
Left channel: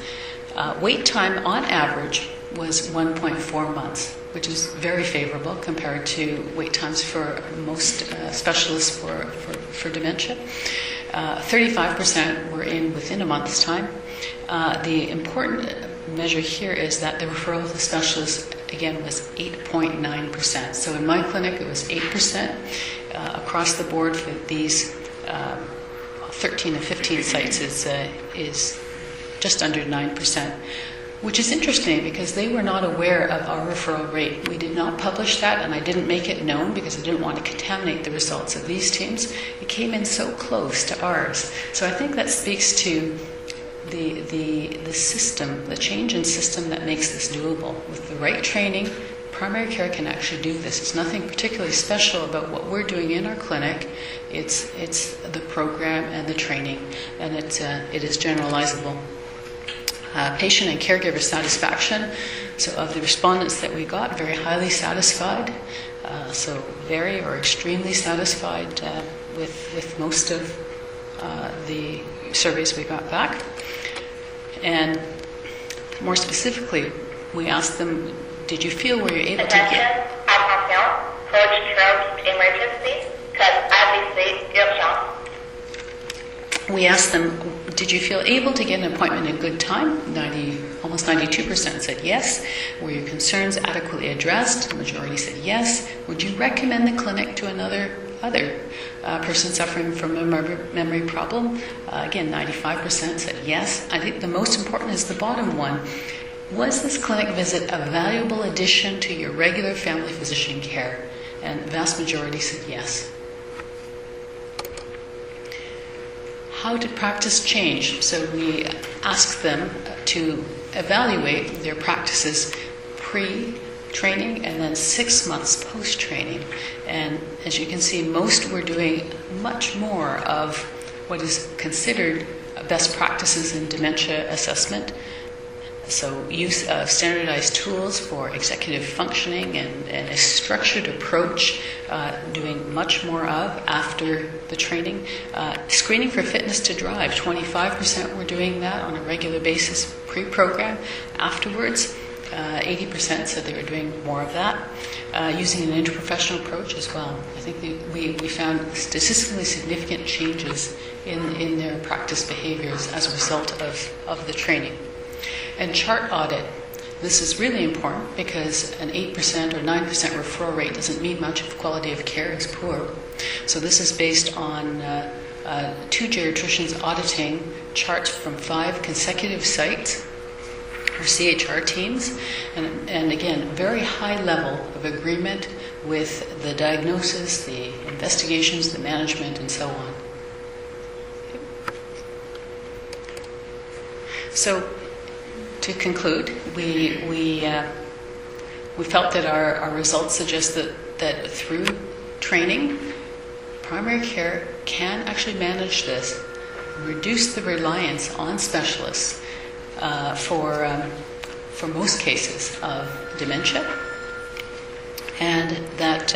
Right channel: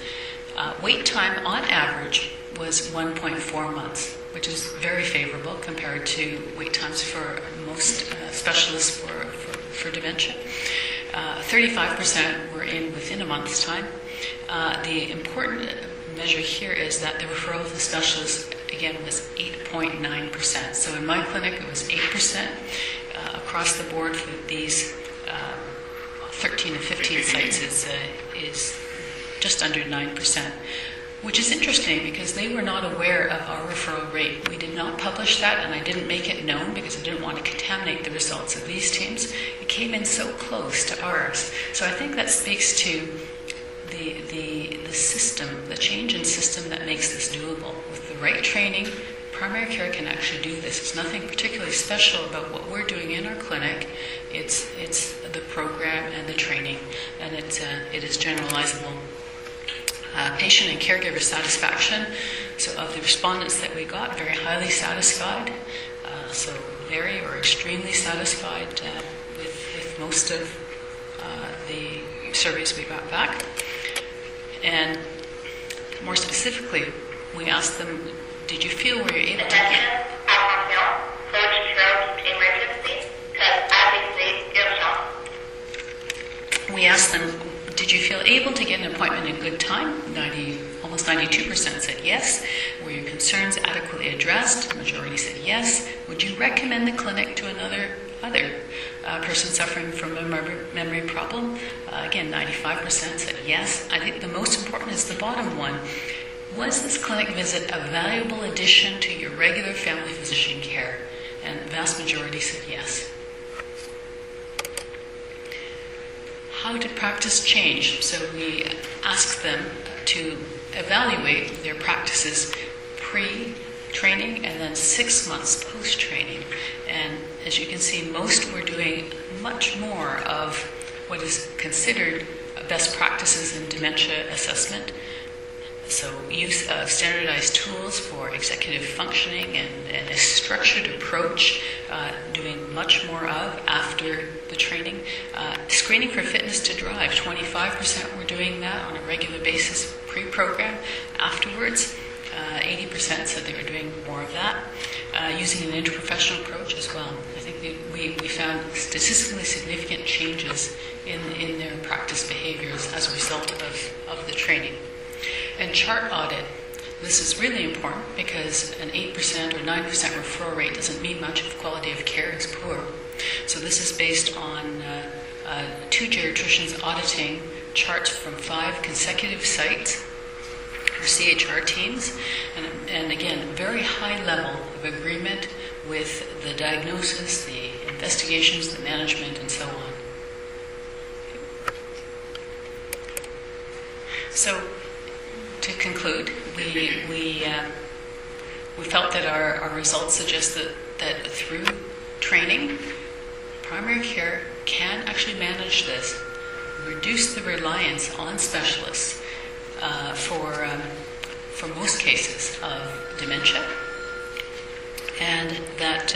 Wait time on average was 1.4 months, which is very favorable compared to wait times for most specialists for dementia. 35% were within a month's time. The important measure here is that the referral to the specialist, again, was 8.9%. So in my clinic, it was 8%. Across the board for these 13 and 15 sites is just under 9%. Which is interesting because they were not aware of our referral rate. We did not publish that, and I didn't make it known because I didn't want to contaminate the results of these teams. It came in so close to ours. So I think that speaks to the system, the change in system that makes this doable. With the right training, primary care can actually do this. It's nothing particularly special about what we're doing in our clinic. It's the program and the training, and it is generalizable. Patient and caregiver satisfaction. So of the respondents that we got, very highly satisfied. So very or extremely satisfied with most of the surveys we got back. And more specifically, we asked them, did you feel were you able to get... Attention, post-stroke emergency, because obviously, urgent. We asked them, did you feel able to get an appointment in good time? Almost 92% said yes. Were your concerns adequately addressed? The majority said yes. Would you recommend the clinic to another person suffering from a memory problem? Again, 95% said yes. I think the most important is the bottom one. Was this clinic visit a valuable addition to your regular family physician care? And the vast majority said yes. How did practice change? So we asked them to evaluate their practices pre-training and then 6 months post-training. And as you can see, most were doing much more of what is considered best practices in dementia assessment. So use of standardized tools for executive functioning and a structured approach, doing much more of after the training. Screening for fitness to drive, 25% were doing that on a regular basis pre-program. Afterwards, 80% said they were doing more of that, using an interprofessional approach as well. I think we found statistically significant changes in their practice behaviors as a result of the training. And chart audit. This is really important because an 8% or 9% referral rate doesn't mean much if quality of care is poor. So this is based on 2 geriatricians auditing charts from 5 consecutive sites, or CHR teams, and again, very high level of agreement with the diagnosis, the investigations, the management, and so on. So, to conclude, we felt that our results suggest that through training, primary care can actually manage this, reduce the reliance on specialists for most cases of dementia, and that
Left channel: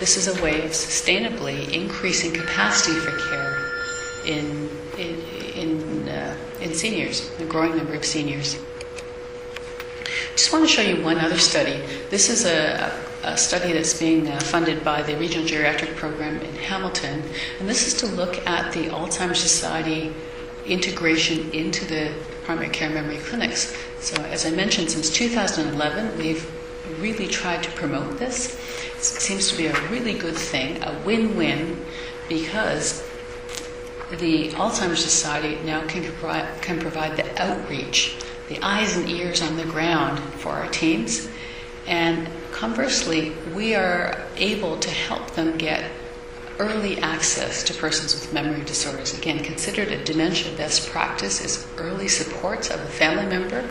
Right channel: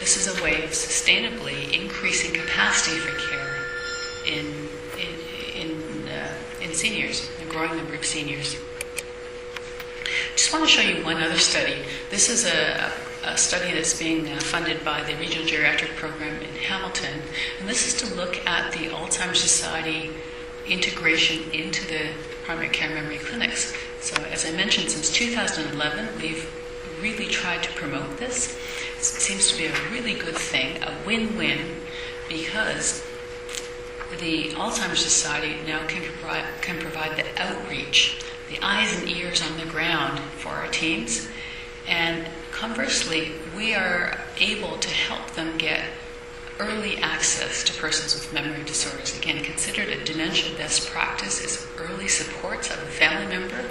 this is a way of sustainably increasing capacity for care in seniors, a growing number of seniors. Just want to show you one other study. This is a study that's being funded by the Regional Geriatric Program in Hamilton, and this is to look at the Alzheimer's Society integration into the primary care memory clinics. So as I mentioned, since 2011, we've really tried to promote this. It seems to be a really good thing, a win-win, because the Alzheimer's Society now can provide the outreach, the eyes and ears on the ground for our teams, and conversely, we are able to help them get early access to persons with memory disorders. Again, considered a dementia best practice is early supports of a family member.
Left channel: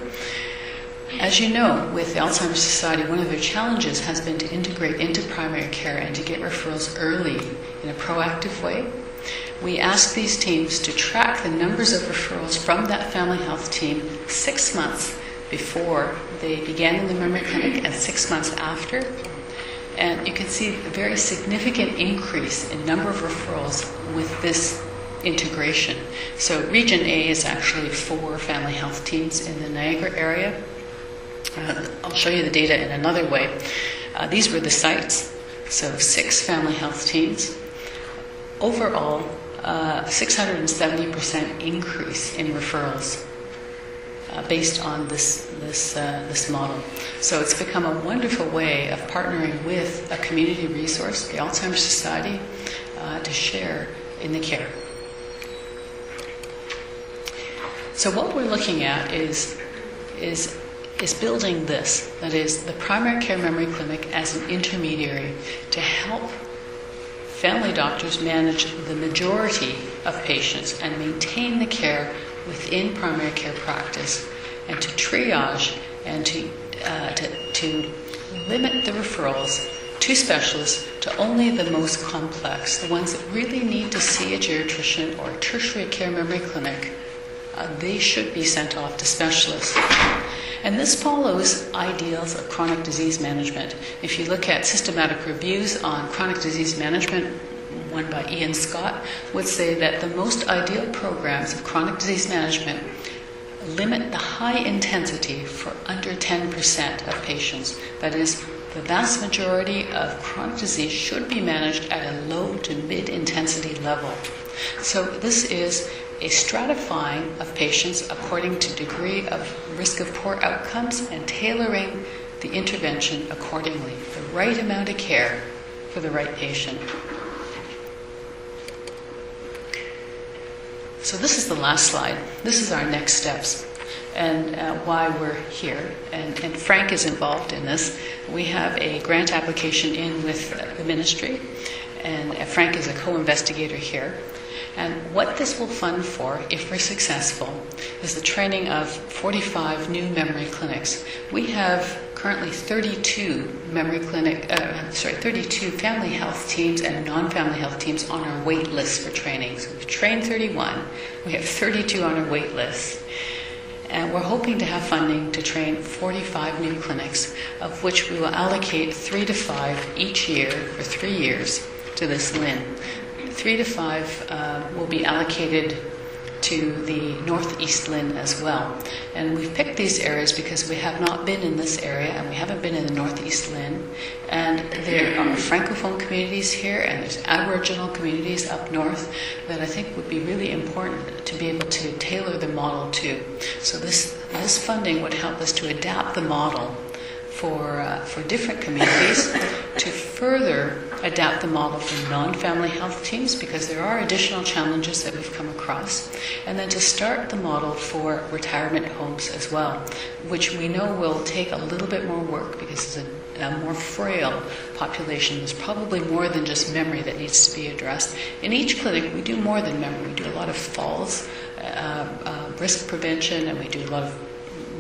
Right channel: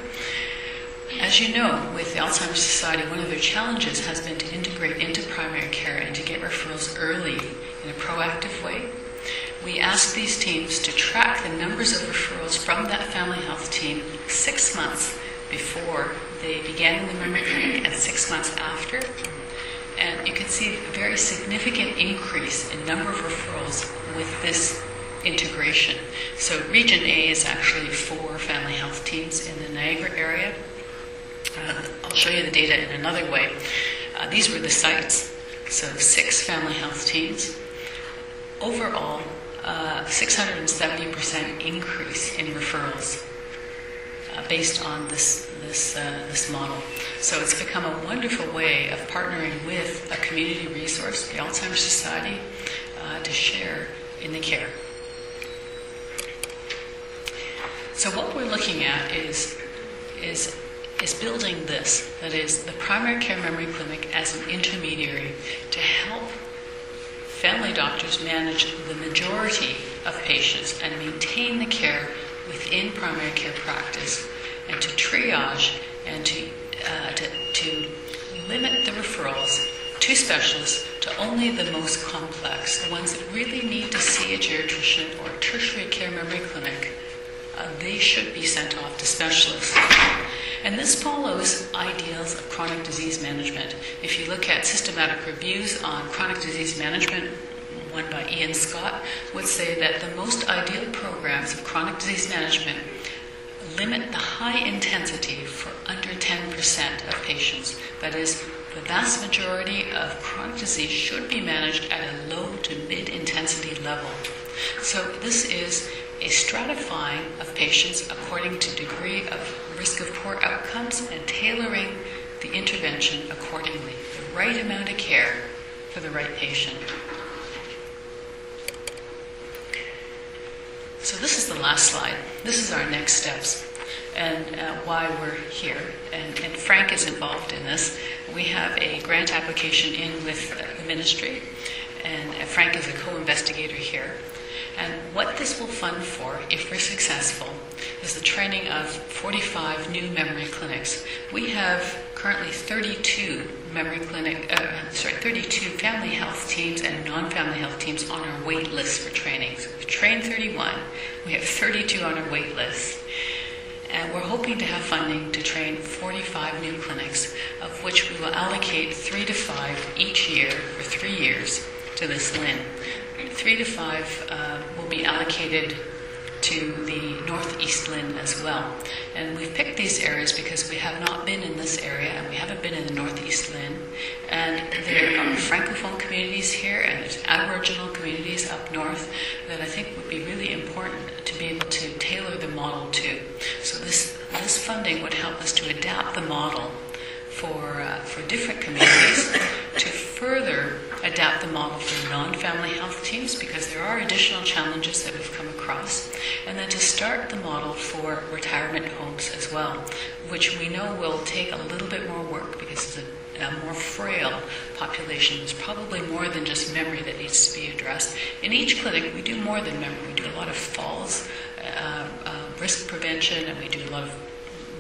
As you know, with the Alzheimer's Society, one of their challenges has been to integrate into primary care and to get referrals early in a proactive way. We ask these teams to track the numbers of referrals from that family health team 6 months before they began in the memory clinic and 6 months after. And you can see a very significant increase in number of referrals with this integration. So Region A is actually 4 family health teams in the Niagara area. I'll show you the data in another way. These were the sites, so 6 family health teams. Overall, 670% increase in referrals based on this model. So it's become a wonderful way of partnering with a community resource, the Alzheimer's Society, to share in the care. So what we're looking at is building this, that is, the primary care memory clinic as an intermediary to help family doctors manage the majority of patients and maintain the care within primary care practice, and to triage and to limit the referrals to specialists to only the most complex, the ones that really need to see a geriatrician or a tertiary care memory clinic. They should be sent off to specialists. And this follows ideals of chronic disease management. If you look at systematic reviews on chronic disease management, one by Ian Scott, would say that the most ideal programs of chronic disease management limit the high intensity for under 10% of patients. That is, the vast majority of chronic disease should be managed at a low to mid-intensity level. So this is a stratifying of patients according to degree of risk of poor outcomes and tailoring the intervention accordingly, the right amount of care for the right patient. So this is the last slide. This is our next steps and why we're here. And Frank is involved in this. We have a grant application in with the ministry, and Frank is a co-investigator here. And what this will fund for, if we're successful, is the training of 45 new memory clinics. We have currently 32 32 family health teams and non-family health teams on our wait list for training. So we've trained 31. We have 32 on our wait list. And we're hoping to have funding to train 45 new clinics, of which we will allocate 3 to 5 each year for 3 years to this LIN. 3 to 5 will be allocated to the Northeast Lynn as well. And we've picked these areas because we have not been in this area and we haven't been in the Northeast Lynn. And there are Francophone communities here and there's Aboriginal communities up north that I think would be really important to be able to tailor the model to. So this funding would help us to adapt the model for different communities, to further adapt the model for non-family health teams because there are additional challenges that we've come across, and then to start the model for retirement homes as well, which we know will take a little bit more work because it's a more frail population. There's probably more than just memory that needs to be addressed. In each clinic, we do more than memory. We do a lot of falls, risk prevention, and we do a lot of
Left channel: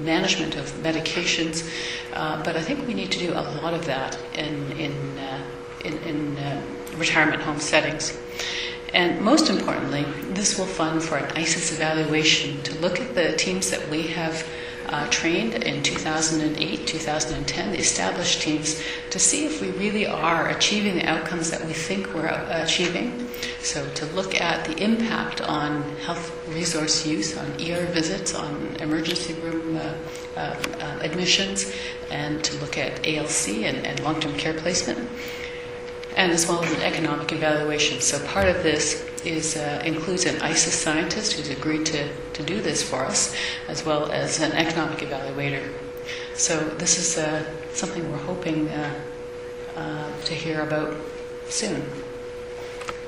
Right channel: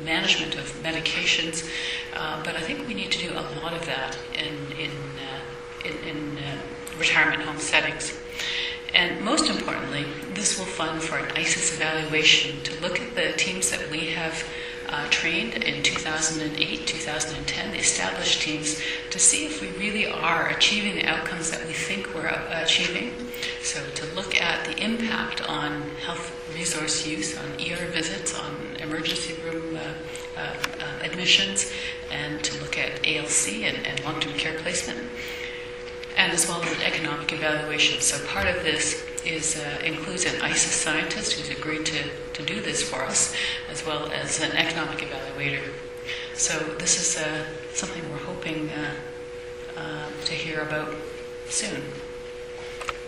management of medications. But I think we need to do a lot of that in retirement home settings. And most importantly, this will fund for an ISIS evaluation to look at the teams that we have trained in 2008, 2010, the established teams, to see if we really are achieving the outcomes that we think we're achieving. So to look at the impact on health resource use, on ER visits, on emergency room admissions, and to look at ALC and long-term care placement, and as well as an economic evaluation. So part of this includes an ISIS scientist who's agreed to do this for us, as well as an economic evaluator. So this is something we're hoping to hear about soon.